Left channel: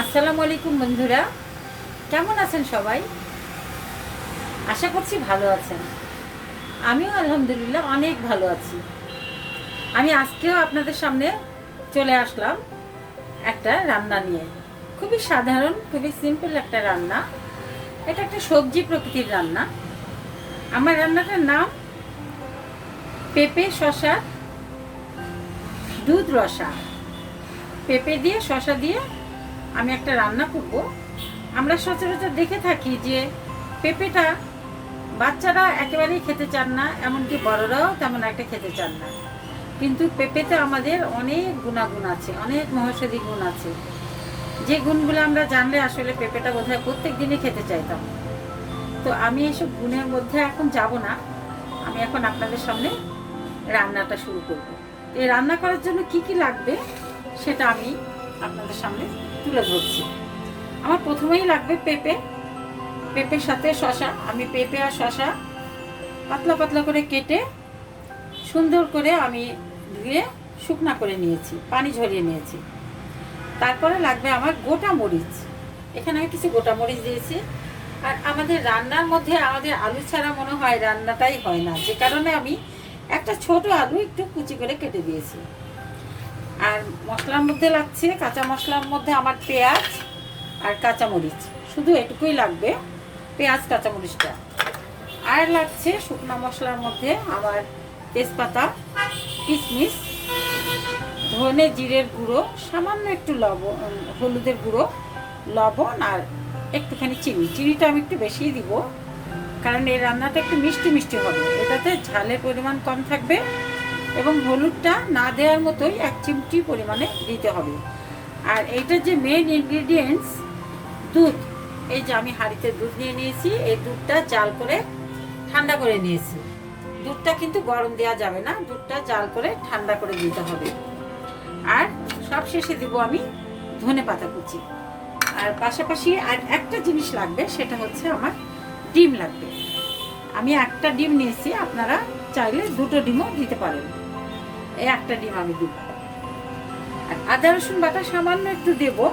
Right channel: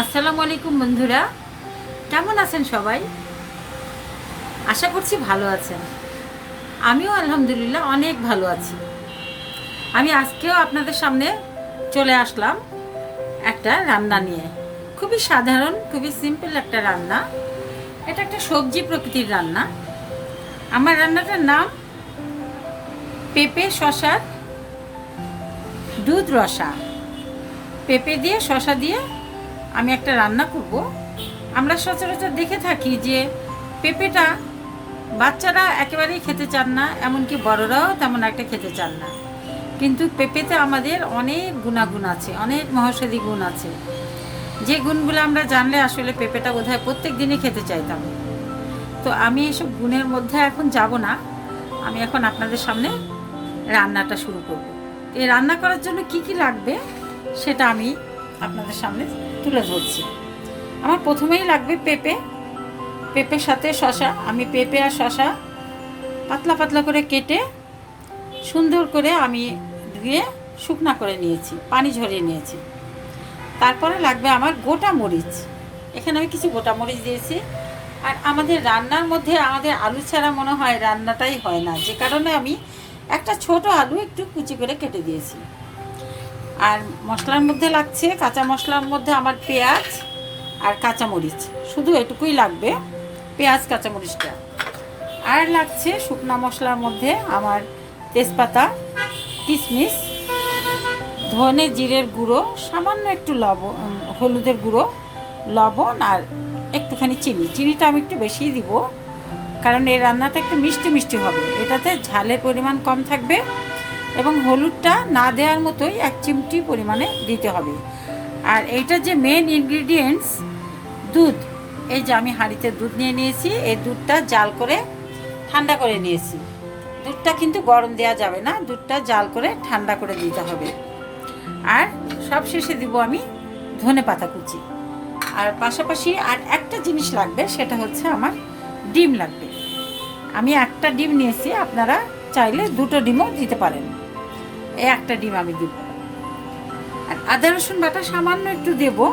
আসসালামু আলাইকুম বন্ধুরা, কেমন আছেন সবাই? আশা করছি ভালো আছেন। আমিও আলহামদুলিল্লাহ অনেক ভালো আছি। আমি আজকেও আপনাদের সামনে চলে আসলাম একটা রান্না নিয়ে। খুবই সাধারণ, খুবই সিম্পল একটা রান্না। এটা একটা সবজি প্রকৃতির রান্না। আমার রান্নাটার নাম পেঁপে শশার দুধ রসা। পেঁপে দিয়ে শশা দিয়ে আমি একটা রান্না করব। আমরা সচরাচর দেখে থাকি যে পেঁপেটা বাচ্চারা একেবারেই খেতে চান না, এমনকি বড়রাও তেমন একটা খেতে চান না। কিন্তু পেঁপেতে আমাদের অনেক গুণাগুণ আছে, অনেক মহৌষধি গুণ আছে, যে গুণগুলো আমরা জানলে আসলে পেঁপেটা বোধহয় প্রত্যেক দিনই খেতে চাইতাম। তো আমি এসব গুণের মধ্যে এখন যাব না। আমি এখন আপনাদের সামনে রান্নাটা শুরু করব। এই রান্না করার জন্য কি কি লাগবে সেটা আমি আপনাদের সামনে তুলে ধরছি। আমার প্রথমেই লাগবে পেঁপে, পেঁপের সাথে শশা। আমি পেঁপে আর শশা পাতলা পাতলা করে কেটে সুন্দর করে আমি ধুয়ে শুকনা করে নিয়েছি, পানি ঝরিয়ে নিয়েছি। তারপরে লাগবে আমার গোটা মরিচ। এখানে আমি কিছু গোটা মরিচ দিয়েছি। আর আমাদের রান্নার মধ্যে আমাদের আলু ছাড়া মনে হয় রান্নাটাই হয় না, যে কারণে আমি একটা ছোট আলু একটু কুচি করে কেটে দিয়েছি। আর মশলার মধ্যে লাগছে, কাঁচা মশলার মধ্যে আমার পেঁয়াজ আর কাঁচামরিচ, শুধু এটুকুই লাগবে, পেঁয়াজ কাঁচামরিচটা। আর লাগছে শুকনো মশলার মধ্যে আমার তেজপাতা, কিশমিশ, ধনে জিরের গুঁড়ো, সামান্য একটু লবণ, হলুদের গুঁড়ো, লবণ আর একটুখানি চিনি। চিনিটা আমি একটু বেশিই দিব, কারণ এই রান্নাটা একটু মিষ্টি মিষ্টি হবে। এটাতে ঝালের পরিমাণ কম থাকবে এবং হলুদটা না দেওয়ার মতোই 1 চিমটি পরিমাণে দিতে হবে। আর এইটার যে মেন ইনগ্রিডিয়েন্টস দুধ। এই যে আমি হাঁড়িতে দুধ নিয়ে নিয়েছি, এই দুধটা জাল করে ঠান্ডা করে নিয়েছি। দুধটা কিন্তু গরম দেওয়া যাবে না, দুধটা জাল করে ঠান্ডা করে দিতে হবে। আর সব শেষে দিব আমি ধনে পাতা কুচি। আর পাশাপাশি আর একটা জিনিস লাগবে, সেটা হচ্ছে আমার ডিম লাগবে। আমি একটা ডিম নিয়েছি, আপনারা চাইলে 2টো ডিমও দিতে পারেন। এই একটা ডিম আমি দিব। আর আদা রসুন বাটা সামান্য একটু দেবো,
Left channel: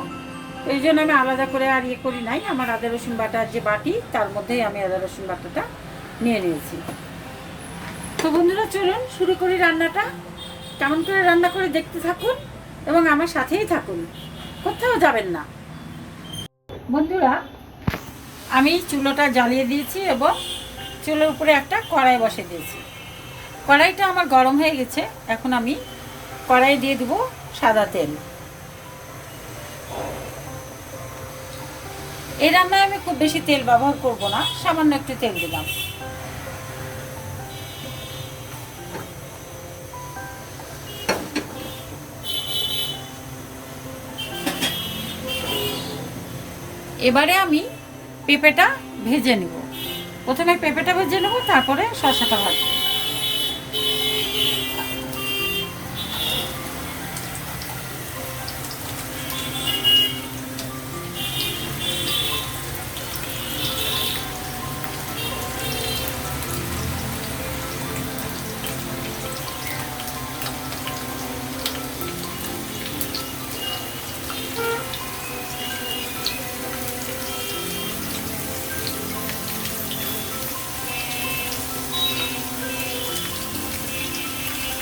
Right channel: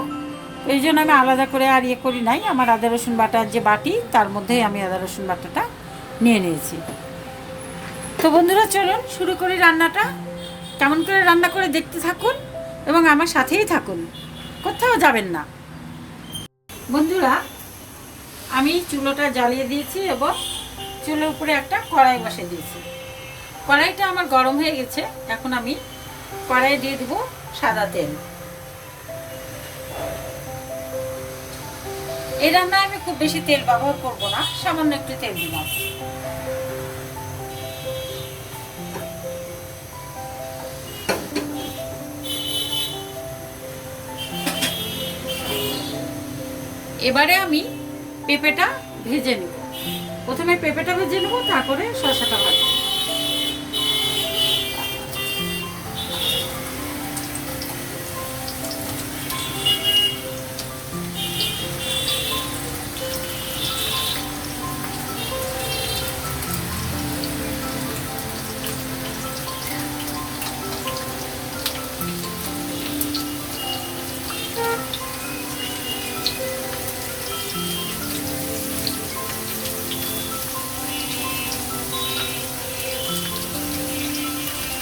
এই জন্য আমি আলাদা করে আর ইয়ে করি নাই। আমার আদা রসুন বাটার যে বাটি, তার মধ্যেই আমি আদা রসুন বাটাটা নিয়ে নিয়েছি। তো বন্ধুরা, চলুন শুরু করি রান্নাটা। কেমন করে রান্না করে দেখতে থাকুন এবং আমার সাথেই থাকুন, কোথাও যাবেন না। বন্ধুরা, আমি চুলোটা জ্বালিয়ে দিয়েছি এবং চুলোর উপরে একটা কড়াই বসে দিয়েছি। কড়াইটা আমার গরম হয়ে গেছে। এখন আমি কড়াইয়ে দিয়ে দেবো সাদা তেল। এই রান্নায় আমি খুব বেশি তেল ব্যবহার করব না, সামান্য একটু তেল দিলাম। এবারে আমি পেঁপেটা ভেজে নেব। প্রথমে পেঁপেটা ভেজে নেব, তারপরে শসাটা ভাজবো।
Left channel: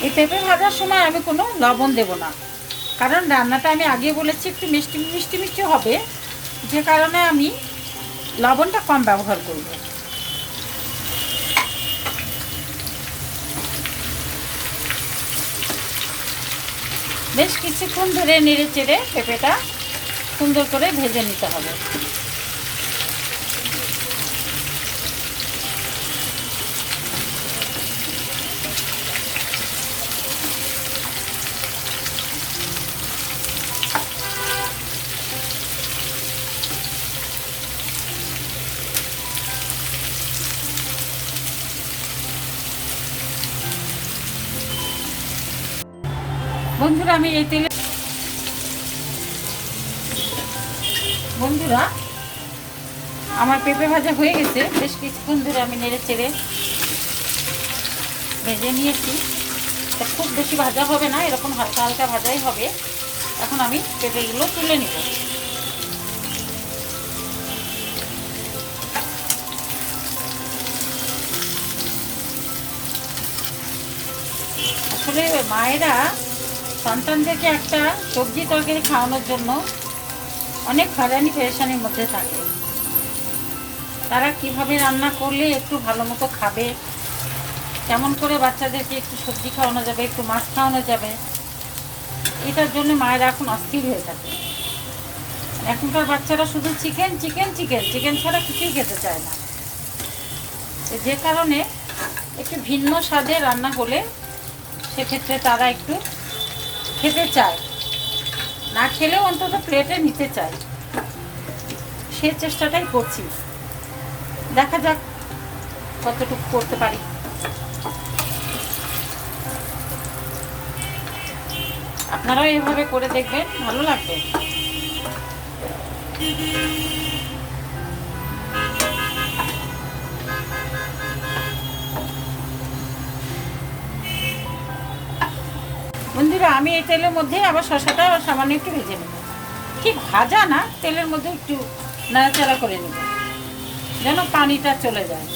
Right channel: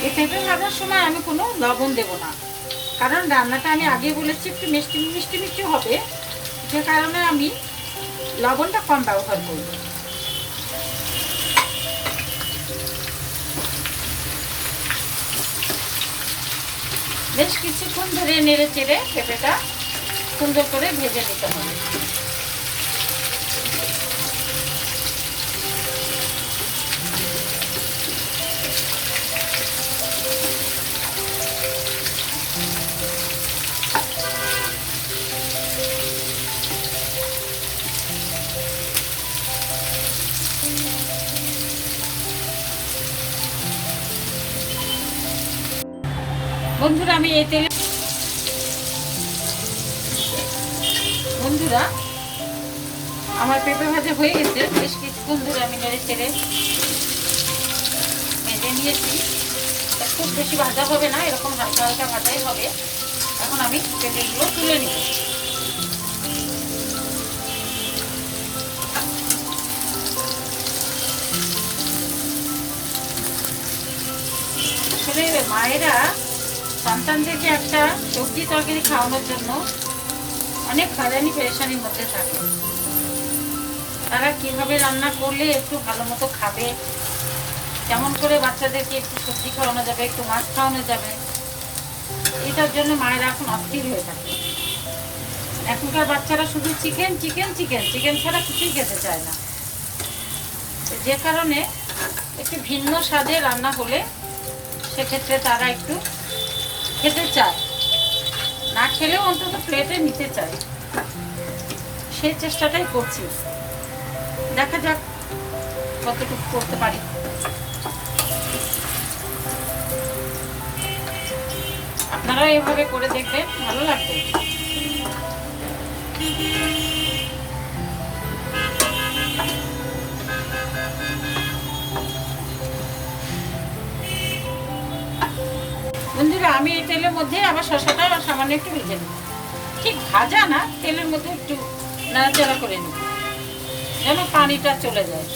এই পেঁপে ভাজার সময় আমি কোনো লবণ দেব না, কারণ রান্নাটা আমি আগে বলেছি একটু মিষ্টি মিষ্টি মিষ্টি হবে, যে কারণে আমি লবণটা কম ব্যবহার করব। বেশ কিছুক্ষণ ধরে নেড়ে চেড়ে পেঁপেটা সুন্দর করে ভেজে নিতে হবে। বন্ধুরা, আমি এই তেলে বন্ধুরা আমার পেঁপে ভাজা হয়ে গেছে। বেশ কিছুক্ষণ ধরে আমি নেড়ে চেড়ে ভেজে নিয়েছি। খুব বেশি ভাজা হবে না, এরকম হালকা হালকা ভাজাই হবে। এখন আমি পেঁপেগুলো তুলে নিব। আসলে মায়েরা সন্তানদেরকে একটা সবজি তরকারি খাওয়ানোর জন্য অনেক হয়রানি পেরেশানির মধ্যে থাকে। তারা কিভাবে রান্না করলে একটু ভালো মতো খাবে, কেমন করে বাচ্চাদেরকে একটু সবজি খাওয়ানো যাবে, একটু মাছ খাওয়ানো যাবে, এটার জন্য মায়েরা এখন অস্থির হয়ে থাকে। এখনকার বাচ্চারা শুধু চিকেন চিকেন চিকেন চিকেন ছাড়া কিছুই খেতে চায় না। যে কারণে একটু ভিন্ন স্বাদে রান্না হলে সেক্ষেত্রে তারা একটু খেতে চায়, না খেলেও অন্তত প্লেটে নিতে চায়। সে চেষ্টাটাই করছি, দেখা যাক কতটুকু করতে পারি। আপনারাও এভাবে করে দেখবেন, ভালো লাগবে। বন্ধুরা, আমি এই তেলের মধ্যে আবার শসাটা সামান্য একটু ভেজে নেব। ঠিক ভাজা না, তেলের মধ্যে একটু নাড়াচাড়া করে নেব যেন পানিটা চলে যায়।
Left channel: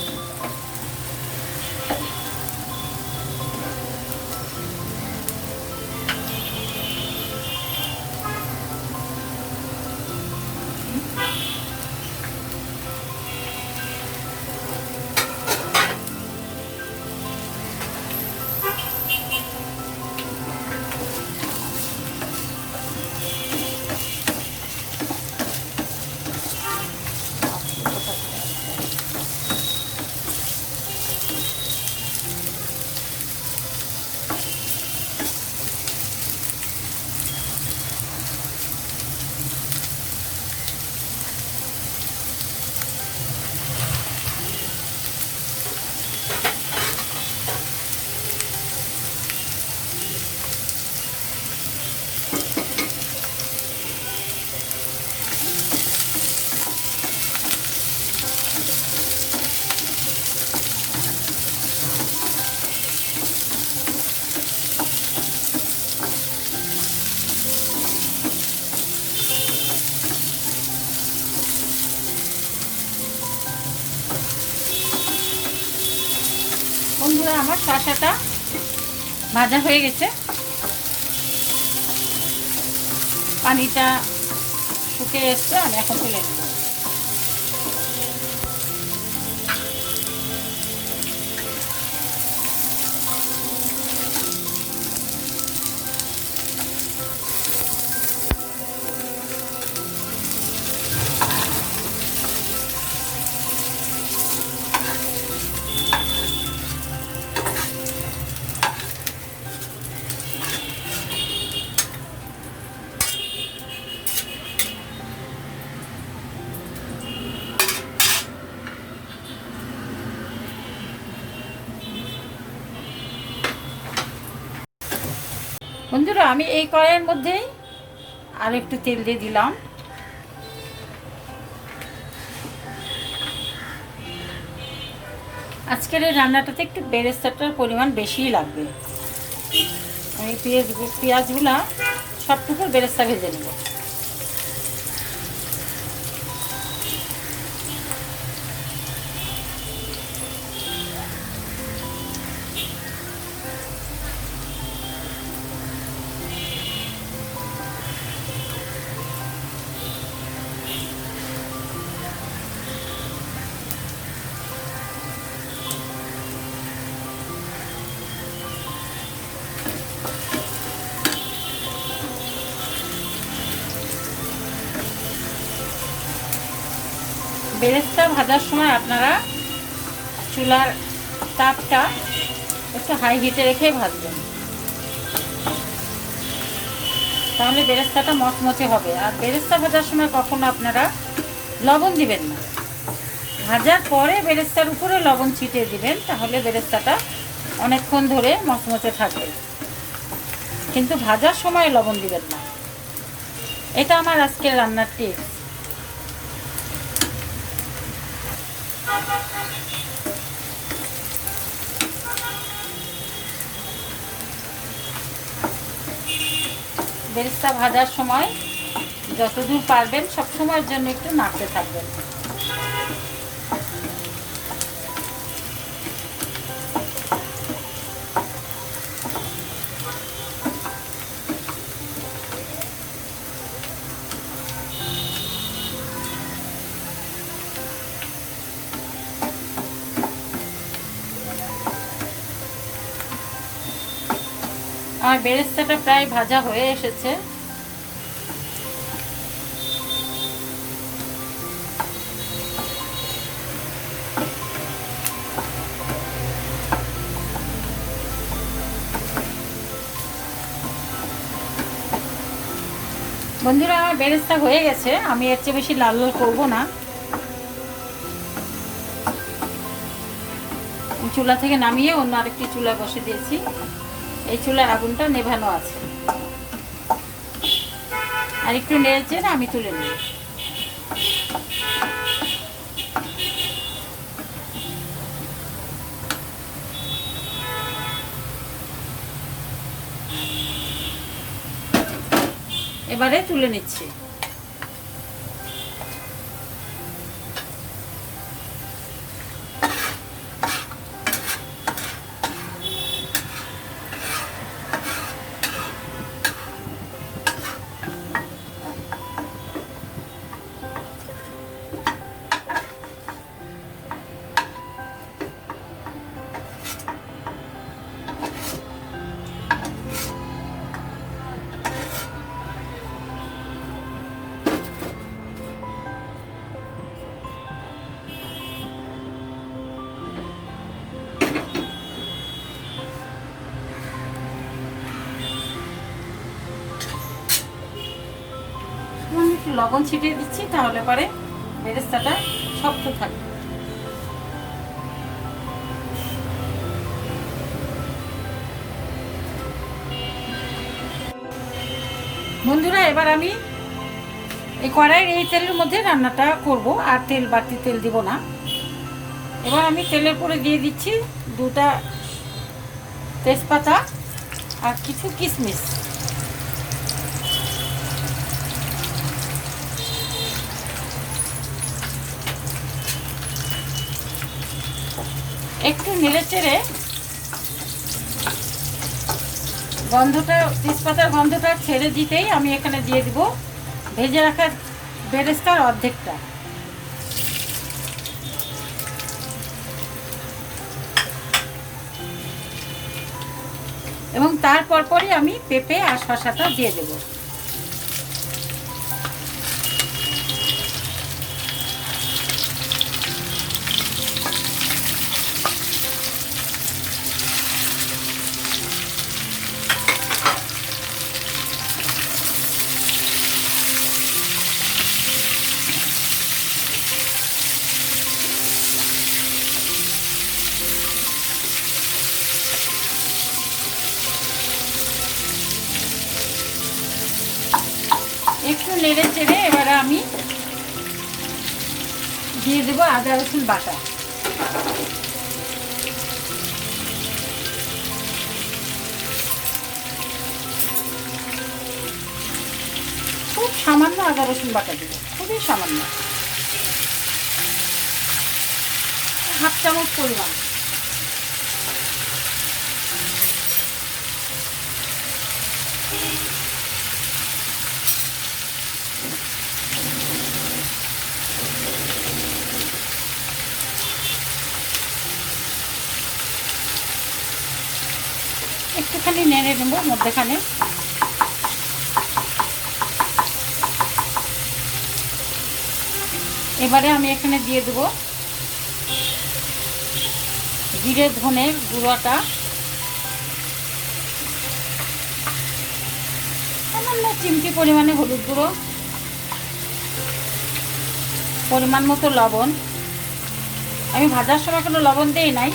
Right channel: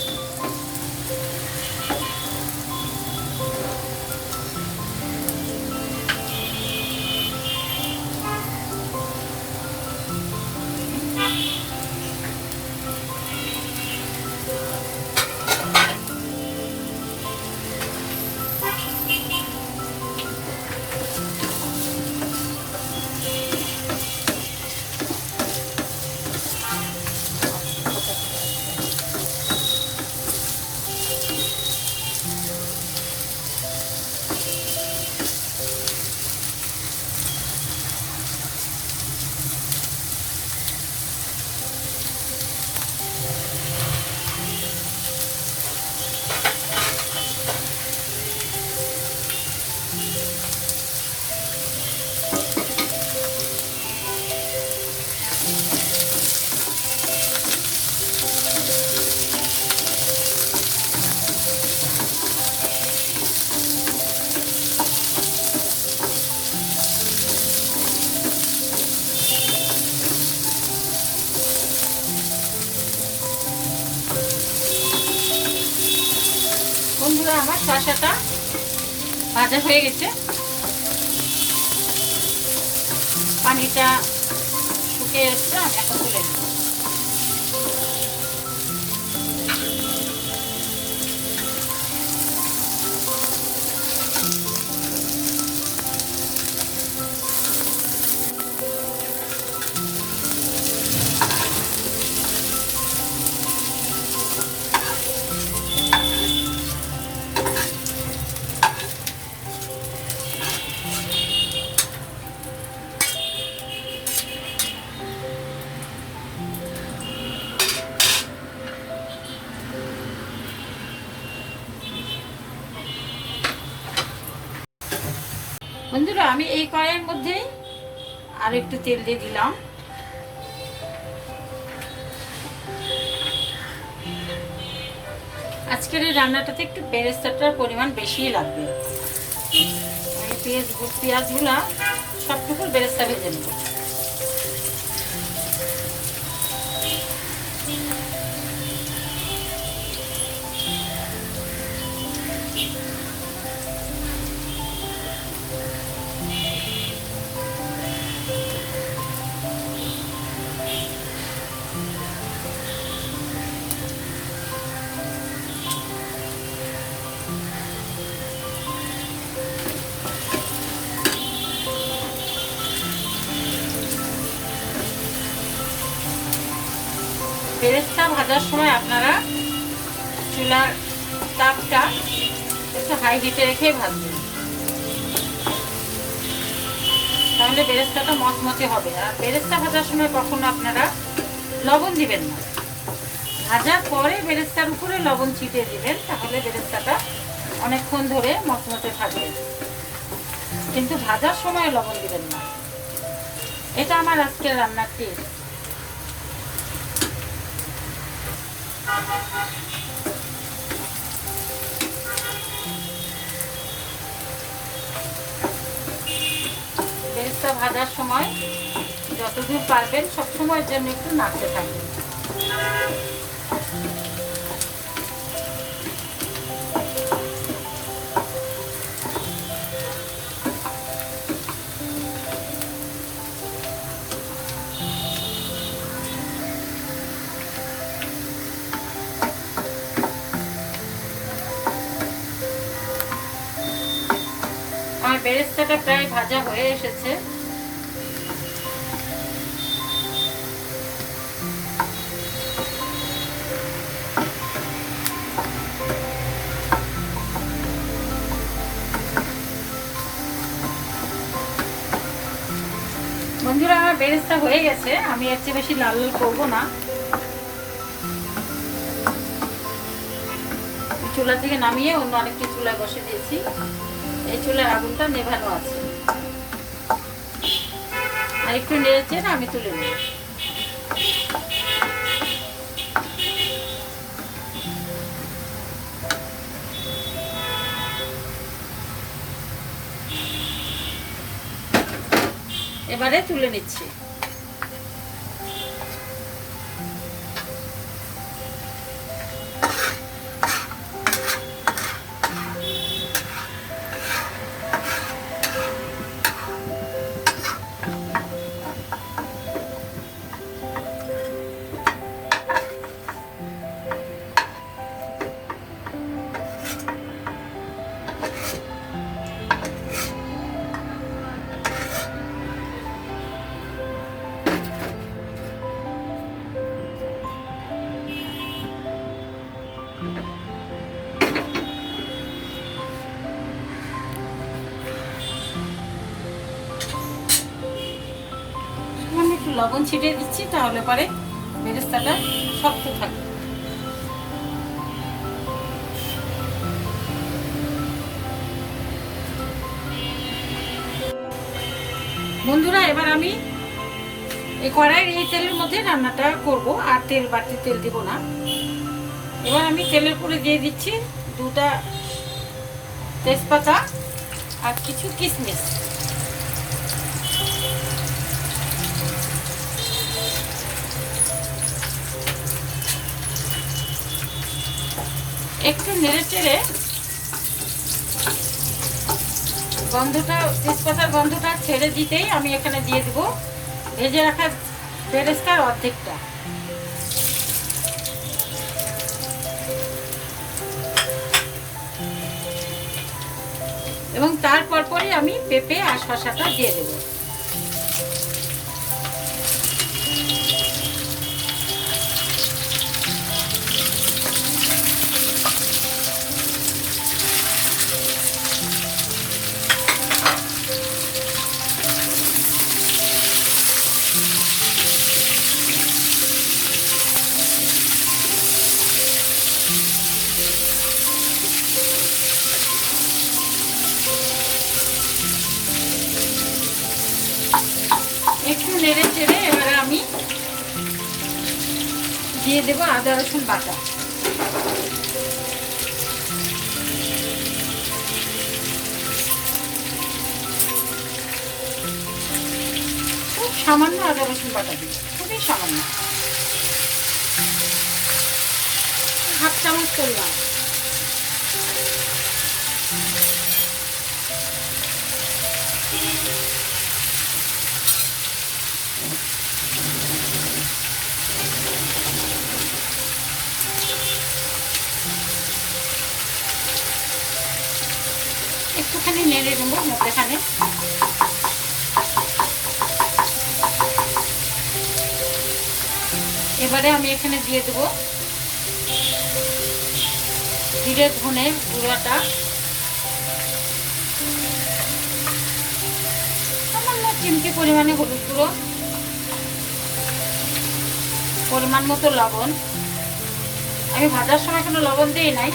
বন্ধুরা, আমার শসাটা ভাজা হয়ে গেছে, পানিটা শুকিয়ে এসছে, আমি এখন তুলে নেব। বন্ধুরা, আমি এই কড়াইয়ের মধ্যে আর একটু তেল দিয়ে দিলাম। আজকের এই রান্নাটাতে একটু বেরেস্তাটার পরিমাণ বেশিই লাগবে। আমি পেঁয়াজগুলা সবটুকু বেরেস্তা ভেজে নেব। বেরেস্তা ভাজার সময় আপনারা চুলার তাপটা একটু হাই হিটে রেখেই ভাজবেন, তাহলে বেরেস্তাটা মচমচে হবে। আর বেরেস্তা ভাজার সময় কখনো আপনারা লবণ দিবেন না, ভাজার পরে বেরেস্তার উপরে লবণ ছিটিয়ে দিবেন, তাহলে বেরেস্তাটা অনেকক্ষণ ধরে মচমচে থাকবে। কিন্তু ভাজার সময় লবণ দিবেন না। এটা আমার আজকের রান্নার টিপস। বেরেস্তা ভাজার সময় যতদূর পারবেন সবসময়ের জন্য একটু নাড়তে থাকবেন। বেরেস্তাটা প্রায় ভাজা হয়ে এসেছে। বন্ধুরা, আমার বেরেস্তা হয়ে গেছে। আমি এর চেয়ে বেশি লাল লাল করবো না। চুলা থেকে নামিয়ে অন্য আরেকটি চুলায় বসে দিয়েছি। এই চুলার আগুনটা নেভানো আছে। আর একটু নেড়ে চেড়ে আমি তুলে নিই। এবারে তুলে নিচ্ছি। একটু লবণ ছিটিয়ে দিচ্ছি, তাহলে পরে বেরেস্তাটা শক্ত থাকবে। বন্ধুরা, এবার আমি এই কড়াইয়ের এই তেলের মধ্যে রান্নাটা করব, আর তেল বাড়তি তেল দিব না। এবার আমি তেলের পরে দিয়ে দিচ্ছি 2টা তেজপাতা আর কিছু কিশমিশ। একটু নেড়ে চেড়ে গন্ধটা, তেজপাতার গন্ধটা ছেড়ে দিতেই আমি এখানে দিয়ে দিব ভেজে রাখা বেরেস্তার অর্ধেকটা। এবং তারপর পরই আমি পেঁপে আর শসাটা দিয়ে দেব। একটু নেড়ে চেড়ে এবারে আমি দিয়ে দেবো আদা রসুন বাটা। খুব সামান্য আদা রসুন বাটা দিব, খুবই সামান্য, 1/2 চামচ পরিমাণ। একটুখানি নেড়ে নেব মধ্যেখানে। এবারে আমি এখানে দিয়ে দেব জিরে ধনের গুঁড়াটা, সামান্য চিমটি পরিমাণে হলুদ গুঁড়ো, পরিমাণ মতো লবণ। আমি ভাজার সময় কোনো লবণ দিই নাই।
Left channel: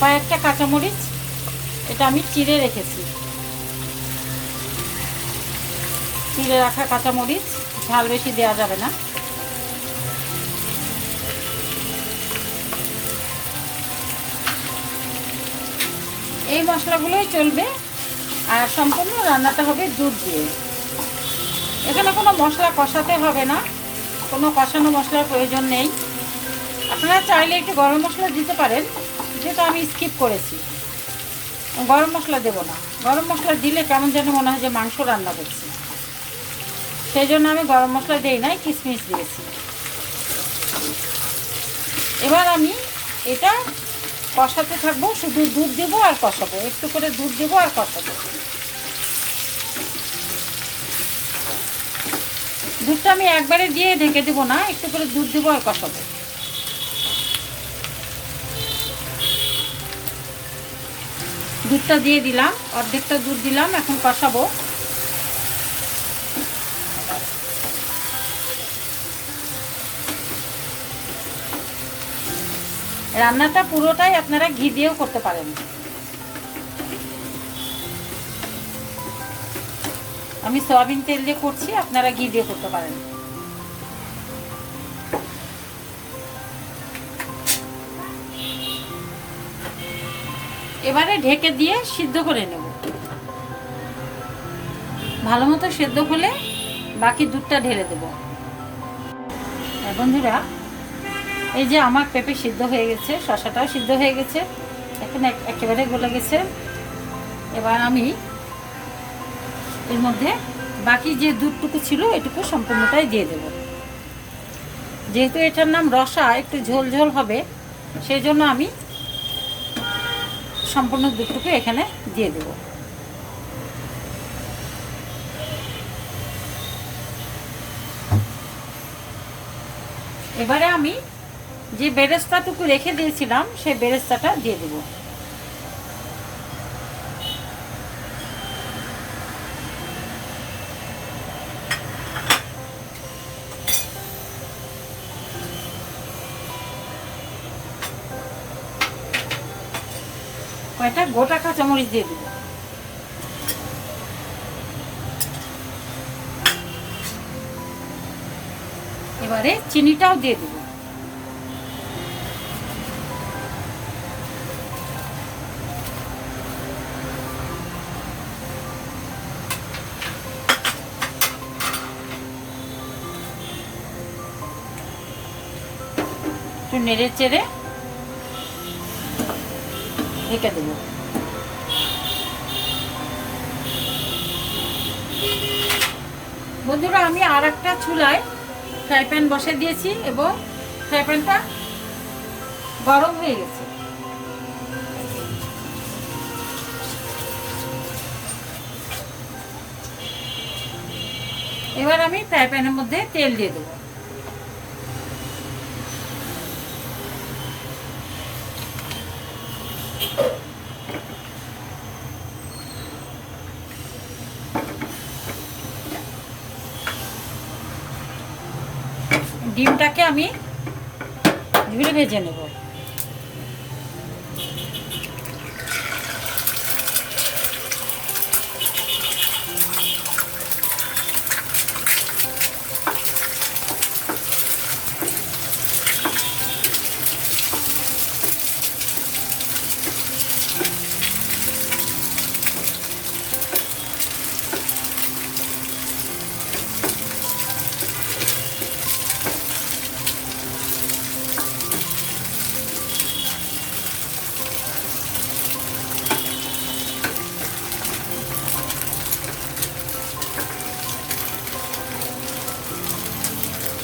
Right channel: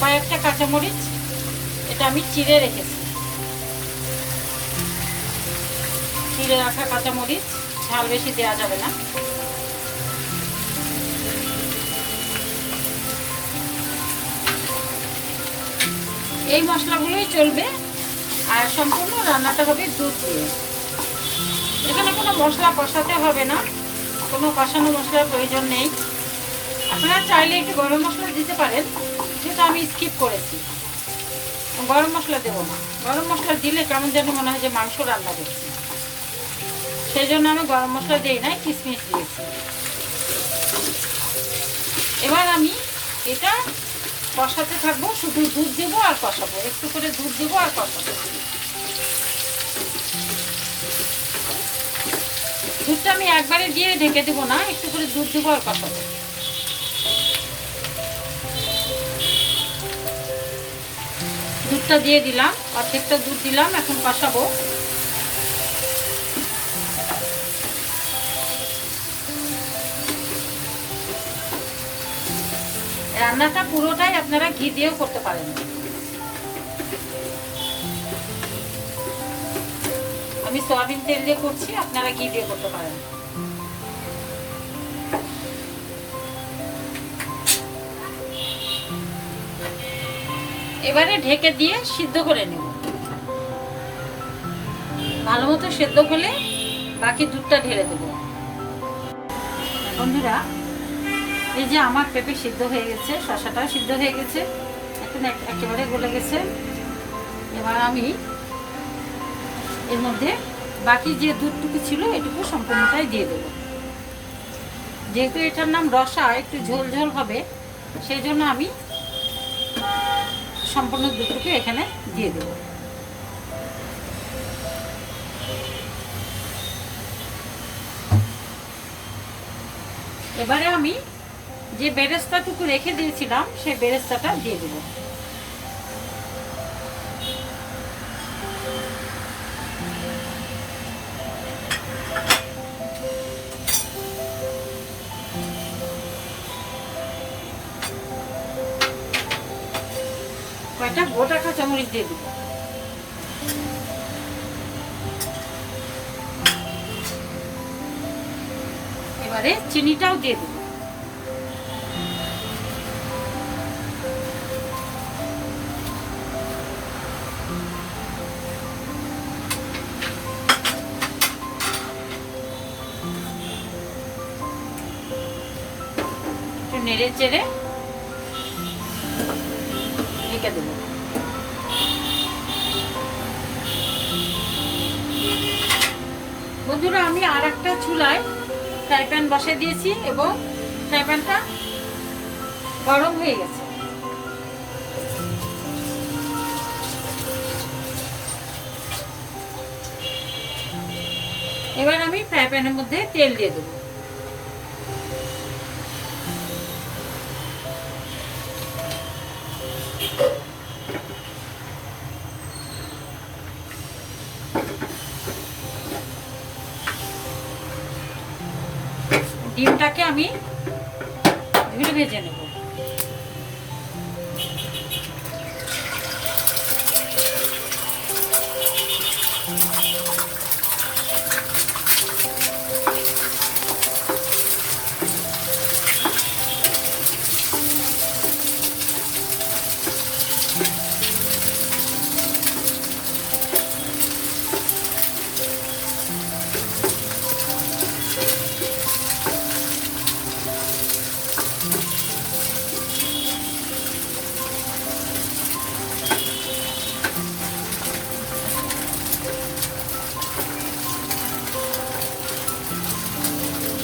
কয়েকটা কাঁচামরিচ, এটা আমি চিড়ে রেখেছি, চিড়ে রাখা কাঁচামরিচ, ঝাল বেশি দেওয়া যাবে না। এই মশলাগুলোই চলবে। আর সম্পূর্ণ রান্নাটা হবে দুধ দিয়ে। এখানে কোনো মশলা কষাতে হবে না, কোনো কষানো মশলার প্রয়োজন নেই। আপনারা চাইলে একটু গরম মশলা দিতে পারেন, যেটা আমি স্কিপ করেছি। গরম মশলা দেবো না, গরম মশলা দিলে কেমন যেন মনে হয় যে মাংস রান্না করছি, সেই জন্য আমি গরম মশলা দিই নাই, কিশমিশ দিয়েছি। এবার আমি এটা কষাতে থাকবো, শুধু দুধ দেবো আর কষাবো, একটু করে দুধ দেবো আর কষাবো। দুধটা আমি একবারে দিয়ে ঢেকে দিব না, একটু করে দুধ দিব আর কষাবো। দুধটা দিয়ে দিলাম, অর্ধেকটা দুধ দিলাম, এখন কষাবো। রান্নাটা পুরোটাই আপনারা ঘি দিয়েও করতে পারেন। আমি সয়াবিন তেল দিয়ে করছি, আপনারা ঘি দিয়ে করতে পারেন। এবারে ঢেকে দিয়ে সিদ্ধ করে নেব। ভালো মতো সেদ্ধ হলে বাকি দুধটা ঢেলে দেব। বন্ধুরা, এই যে আমার পেঁপে সিদ্ধ হয়ে গেছে, শসাটাও সিদ্ধ হয়ে গেছে, এখন একেবারে গলে গেছে। এবার আমি এর মধ্যে বাকি যে দুধটুকু ছিল এটুকু সম্পূর্ণটাই দিয়ে দেব। যেহেতু এটার নাম রসা, একটু ঝোল ঝোল হবে, সেই জন্য আমি সম্পূর্ণ দুধটুকু এখানে দিয়ে দেব। এবারে আমি যে বেরেস্তাটুকু রেখে দিয়েছিলাম সেই বেরেস্তাটা দিয়ে দেব। কয়েকটা গোটা কাঁচামরিচ দিয়ে দেব। এবারে চিনিটাও দিয়ে দেব। একটু নেড়ে চেড়ে ঢেকে দেব। বন্ধুরা, আমি আর একটা চুলায় ফ্রাই প্যান বসে দিয়েছি এবং ফ্রাই প্যানটা গরম হয়ে গেছে। এবার আমি ফ্রাই প্যানের মধ্যে তেল দিয়ে দেবো। ডিমটাকে আমি ঝুড়ি ভেজে নেব।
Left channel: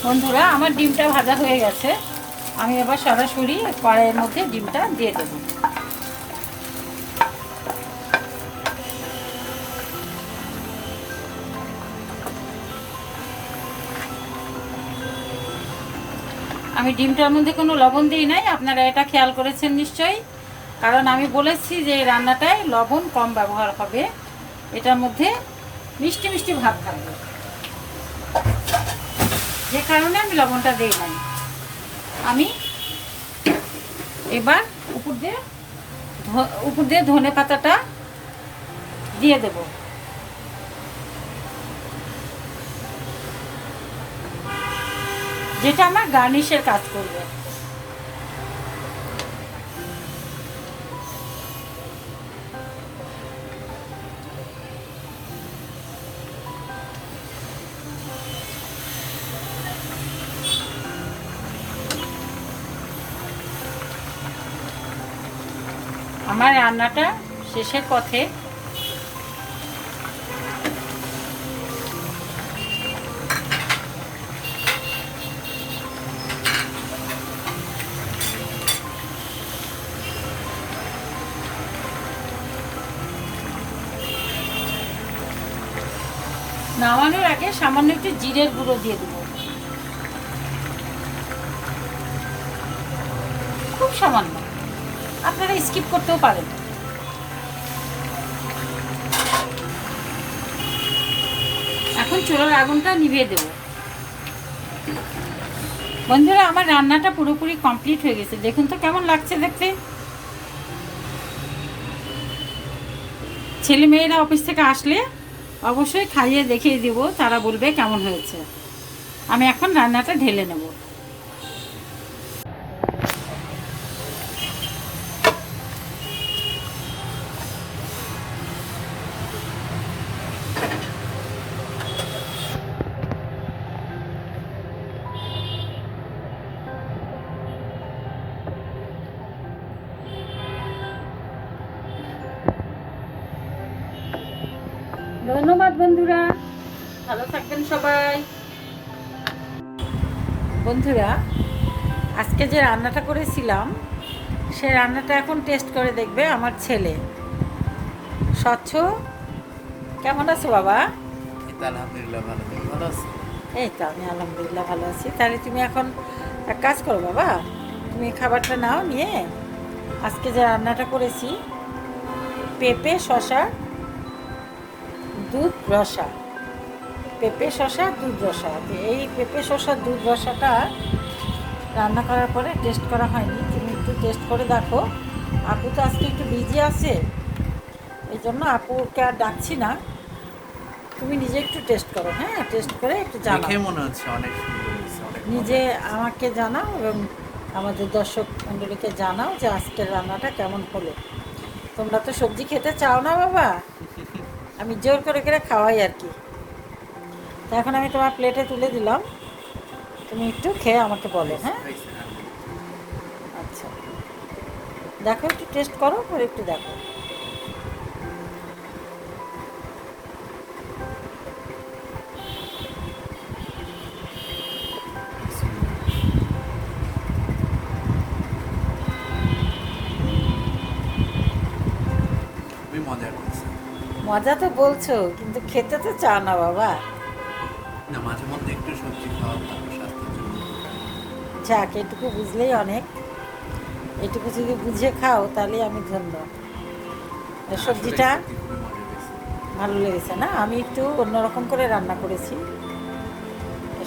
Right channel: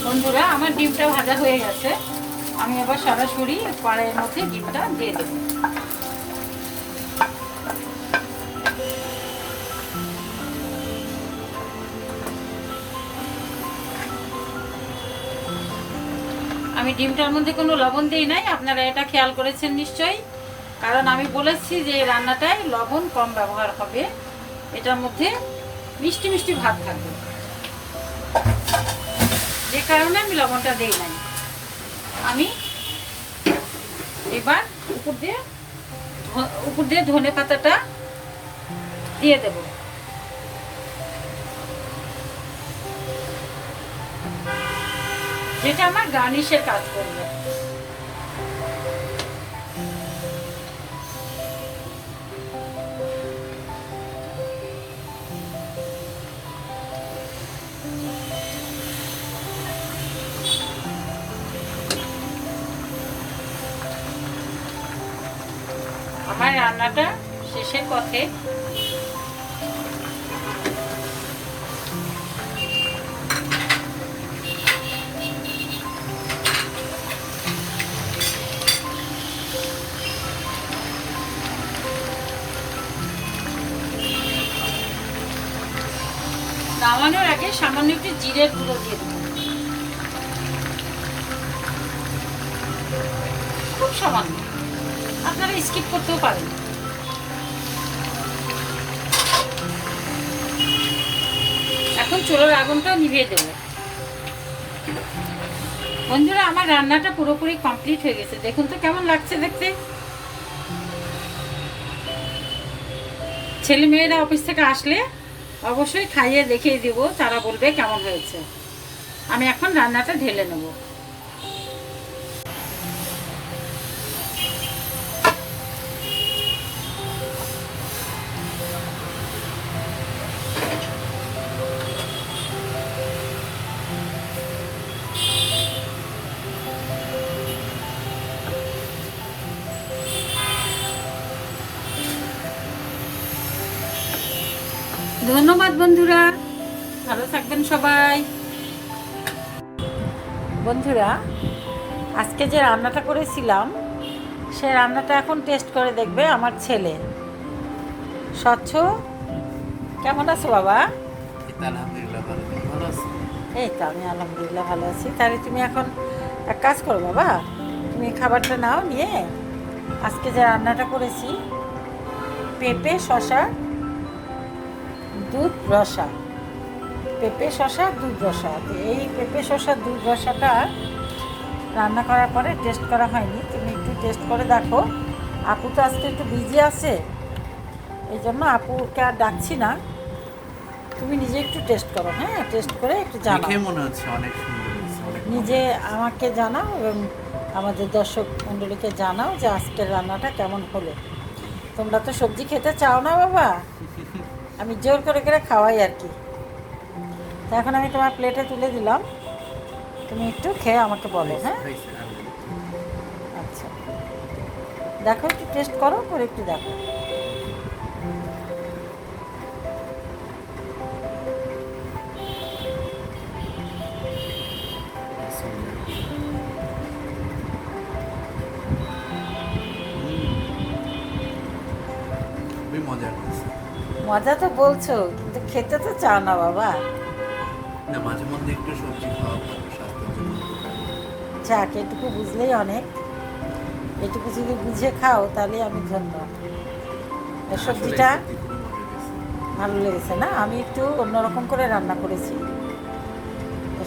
বন্ধুরা, আমার ডিমটা ভাজা হয়ে গেছে, আমি আবার সরাসরি কড়াইয়ের মধ্যে ডিমটা দিয়ে দেব। আমি ডিমটার মধ্যে কোনো লবণ দিই নাই, আপনারা এটা খেয়াল করেছেন নিশ্চয়ই, কারণ আমি বলেছি যে রান্নাটায় লবণ কম ব্যবহার হবে, এটার মধ্যে মিষ্টি মিষ্টি ভাব থাকবে, যে কারণে আমি লবণটা দিই নাই। আমি এবার উপর দিয়ে ধনে পাতাটা দিয়ে দেব। যেটা আমার গার্নিশের কাজ করবে। আমার রান্নাটা শেষের পথে। নামানোর আগে সামান্য একটু জিরের গুঁড়ো দিয়ে দেবো, খুব সামান্য, আপনারা স্কিপ করতেও পারেন। এখন চুলার আগুনটা নিভিয়ে দেব। বন্ধুরা, আমার রান্নাটা পুরোপুরি কমপ্লিট হয়ে গেছে, দেখুন তো কেমন লাগছে দেখতে। ছেলে মেয়েরা অফিস থেকে আসলে অবশ্যই খাইয়ে দেখিয়ে দেব, তারা বলবে কেমন হয়েছে। আমি এখন রান্নাটা ঢেলে নেব। ধন্যবাদ বন্ধুরা, ভালো থাকবেন সবাই। বন্ধুরা, আজকে যে রান্নাটা করেছিলাম সে রান্নাটা এখন টেস্ট করে দেখবে আমার ছেলে। স্বচ্ছ, কেমন আছো বাবা? আলহামদুলিল্লাহ ভালো, তুমি ভালো আছো? এই তো আমি আলহামদুলিল্লাহ ভালো আছি। তাহলে তুমি এখন এক কাজ করো বাবা, তুমি খাবারটা নাও নিয়ে, আজকে যে রান্নাটা করেছি পেঁপে শসা দুধ রসা, পেঁপে শসা দুধ রসা, তো এই পেঁপে শসা দুধ রসাটা রান্না করার পরে টেস্ট করা হয়নি, তুমি একটু টেস্ট করে দেখো। আপু তো আজকে একটু বিজি আছে, এই জন্য আপুকে আর ডাকছি না, তুমি নিজে একটু টেস্ট করো। হ্যাঁ, টেস্ট করে একটু জানাও, দেখে মনে হচ্ছে অনেক সুন্দর হয়েছে, অনেক নিজে আমাকে জানাও এবং আমাদের দর্শক মণ্ডলীকে জানাও যে আজকের রান্নাটা কেমন হলো। তোমরা তো সবজি খেতে চাও না বাবা, আমি জোর করে করে খাওয়াই আর কি। তো এখন আমি তোমার প্লেটে তুলে দিলাম, তুমি একটু খেয়ে আমাকে বলো। হ্যাঁ, হয়েছে, আচ্ছা, দেখো একটু টেস্ট করো, করে একটু দেখো। খুবই মজা করছে। মজা তো বলছো, কিন্তু খেতে তো চাও না বাবা। না, মাঝে মধ্যে একটু সবজি খাওয়া ভালো, স্বাস্থ্যের জন্য উপকার। যাক, এটুকু বুঝলেই অনেক, এটুকু যদি বুঝে খাও তাহলে আমি ধন্য। এই আসলে সবজিটা সত্যি খুবই মজা হয়েছে। ভালো লেগেছে না? আমি একটু অন্যরকম করে রান্না করেছি।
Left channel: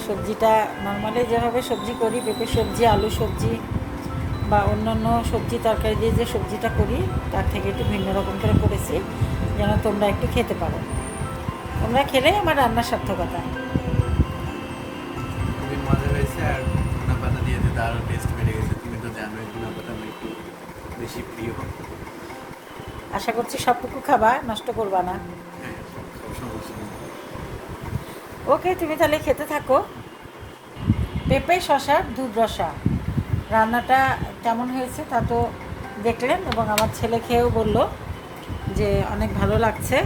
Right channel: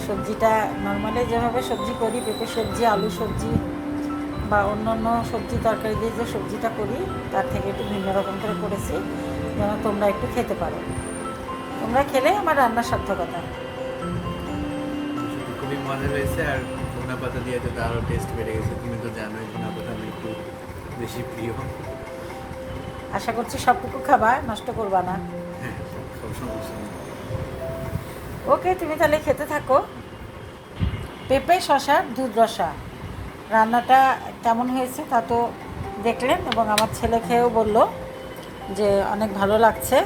সবজিটা নর্মালি যেভাবে সবজি করি, পেঁপে সবজি, আলু সবজি বা অন্যান্য সবজি তরকারি দিয়ে যে সবজিটা করি তার থেকে একটু ভিন্ন রকম করে করেছি, যেন তোমরা একটু খেতে পারো। তোমরা খেলে আমার রান্নার সার্থকতা। সত্যি খুবই মজা হয়েছে, আর ধনা পাতা দিয়ে তো আরও টেস্ট বেড়ে গেছে। তুমি তো জানোই ধনা পাতা আমার একটু বেশি প্রিয়। আশা করছি সবটুকু খাবা, নষ্ট করবা না। হ্যাঁ, সব সমস্যা নেই। ওকে, তুমি তাহলে খেতে থাকো। পেঁপে শসার দুধ রসা রান্নাটা কেমন হয়েছে তা তো দেখলেন, এবং আমার ছেলে খেয়েও বলল যে অনেক ভালো লাগছে।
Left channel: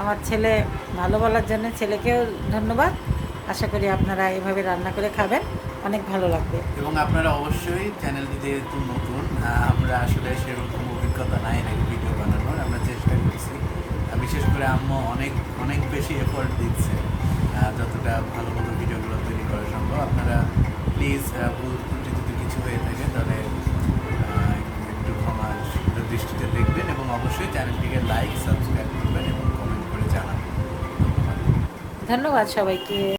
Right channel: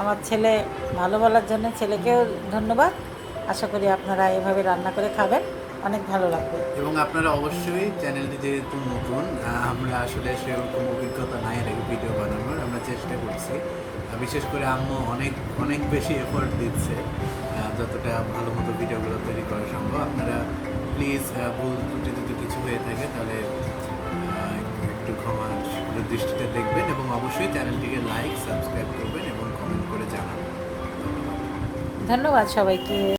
আমার ছেলে ভালো বলার জন্য ছেলেকেও ধন্যবাদ। আশা করি আপনারা এভাবে রান্না করে খাবেন, অনেক ভালো লাগবে। এবং আপনারা অবশ্যই চ্যানেলটি যেহেতু নতুন, আমরা আসলে সেরকম অভিজ্ঞতা নাই নাকি ভিডিও বানানোর, আমরা চেষ্টা করছি। বিশেষ করে আম্মু অনেক অনেক বেশি এফোর্ট দিচ্ছে যতটা ভালো মতো ভিডিওগুলো তৈরি করা সম্ভব। আপনারা প্লিজ ভুল ত্রুটি যদি কিছু হয়ে থাকে তাহলে একটু ক্ষমার দৃষ্টিতে দেখবেন, এবং অবশ্যই চ্যানেলটিকে লাইক সাবস্ক্রাইব করবেন এবং কমেন্ট করে জানাবেন। ধন্যবাদ। ধন্যবাদ সবাইকে।